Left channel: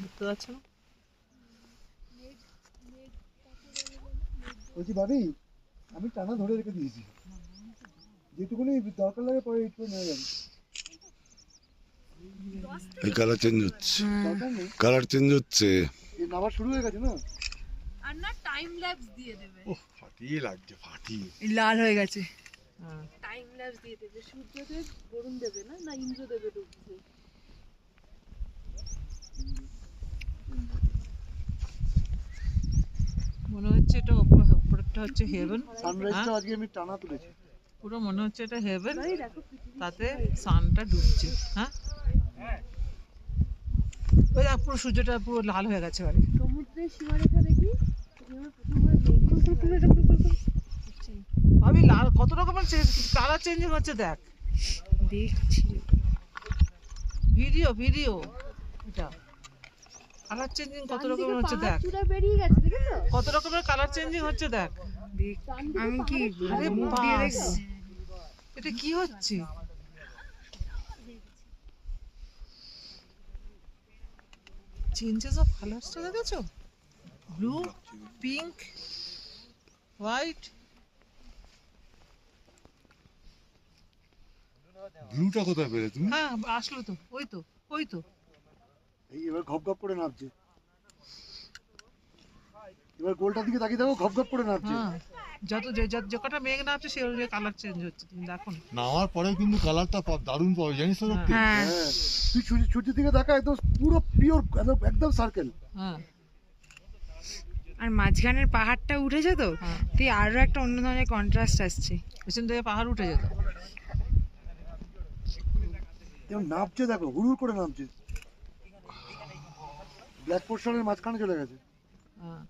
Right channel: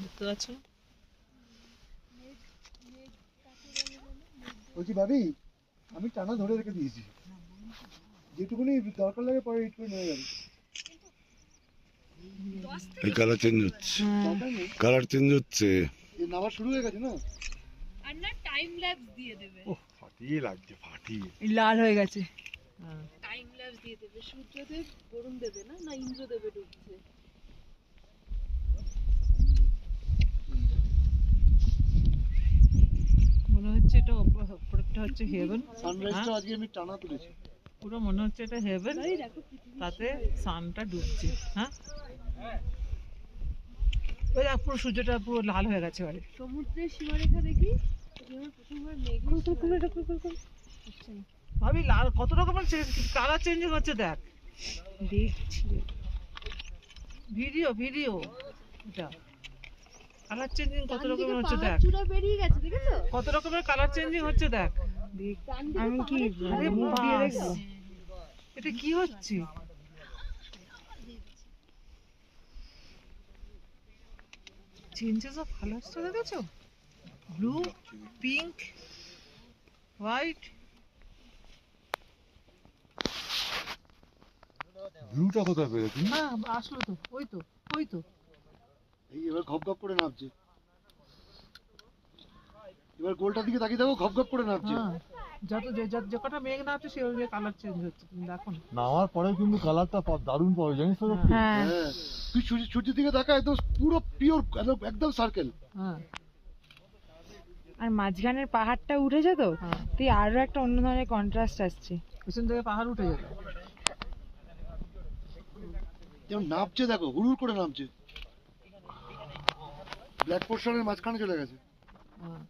দেখতে পাচ্ছ না? বলছি ভাবি, আমি টানা ধরে রেখে দিয়েছি, যেটুকুনি দরকার লাগে পরে ইট করে নিয়ে যাবে। এই কালার চেঞ্জ হচ্ছে, দরকার নেই, কালার চেঞ্জ হচ্ছে। এই নামা শুরু হয়ে গেছে না। আর না টাইম ল্যাপস দিয়ে দেবে। ওহ ফাটিয়ে লাগছে, ফাটিয়ে লাল হয়ে গেছে। হ্যাঁ, টাইম ল্যাপস দিয়ে দেবে। সূর্যদেব বরুণ দেবে না, না ইন্দ্রদেবে ঢুকছে। মনে হচ্ছে এটা উপরটা হচ্ছে হেভেন। সানরাইজটা আজকে আমি টানা তুলেছি। পুরো মনে হচ্ছে এটা হেভেন, এই দেখো পৃথিবী তাতে সানটা ডুবছে। হ্যাঁ, ওই দেখ পুরো সূর্যটা পুরো লাল হয়ে গেছে এবারে। সমুদ্রের সীমারেখা দেখি। যেমন প্রথমবার মেঘ আমি লাল কত রকমের কালার চেঞ্জিং হচ্ছে দেখ। দেখছি। ভিডিও ভিডিও এটা কালার চেঞ্জিং কত রকমের হচ্ছে দেখ। চূড়া বেরিয়ে গেছে, দেখেছো? কত রকমের কালার চেঞ্জিং হচ্ছে দেখ। আমি কি আরে বাস, এটা কি হচ্ছে? চেঞ্জেস অফ কালারসটা দেখেছো? Blue, pink, white. ব্লুটা কোথায় পেলে তুমি? হ্যাঁ আসলো তো, ওই তো ওই তো। এই এবার ঘপ ঘপ করে নামছে, এবার গোলটার দিকে তাকিয়ে দেখো, ঘপ ঘপ করে নামছে। হ্যাঁ, যে কটা মেঘ নামছে সেই অনুযায়ী কালার চেঞ্জ হচ্ছে, তুমি দেখো না? নামার পরেও কিন্তু কালারটা দারুণ পাবে, জানিস তো? সত্যি হ্যাঁ, তুই সূর্যের দিকে দেখা, একদম পুরো পিওর, একদম সার্কেল। হ্যাঁ আর মাঝখানের পাহাড়টা উঠেছে তো, হ্যাঁ, তুই আরো একটা অন্য ধরনের কন্ট্রাস্ট আসছে। পেছন থেকে পাহাড় উঠে যেত। যেমন নামছে দেখো, হুড়ুর করে নামছে, ব্ল্যাক পোর্শনের মাঝখানে চলে গেছে। হ্যাঁ,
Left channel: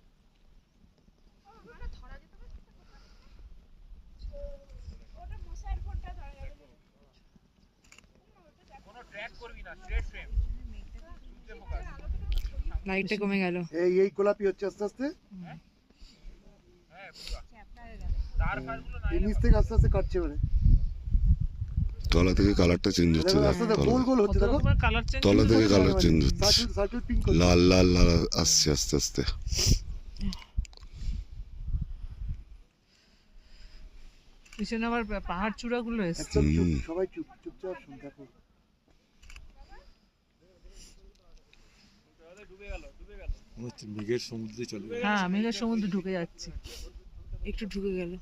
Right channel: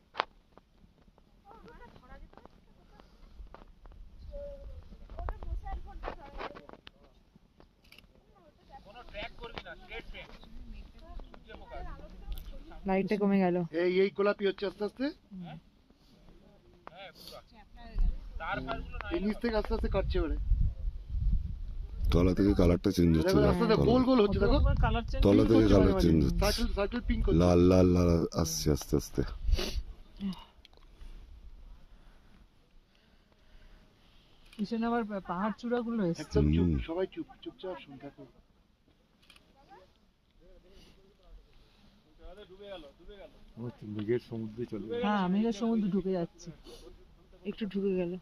লাইটটা কমে গেল। এই গোলাপি হচ্ছে আস্তে আস্তে, এই নিচ থেকে আস্তে আস্তে কাটছে এবারে। তলা থেকে কালারটা চেঞ্জ হচ্ছে, দেখো দেখ আস্তে আস্তে তলা গোল গোল হচ্ছে, কত দেখো রকমের কালার চেঞ্জ। তলা থেকে কালার চেঞ্জ হচ্ছে, সার্কেল সার্কেল পিঙ্ক হচ্ছে। লাল লাল লাল আসছে আস্তে আস্তে। পিছনে আবার পাহাড় চূড়াগুলো এসছে। একদম চুপ, সবাই চুপ, চুপচাপ শুন, দেখো। মনে হচ্ছে মেঘের সমুদ্রে চলে গেছে। হ্যাঁ, মেঘের সমুদ্রে ঢুকে যাচ্ছে। একটু ঢুকে গেল।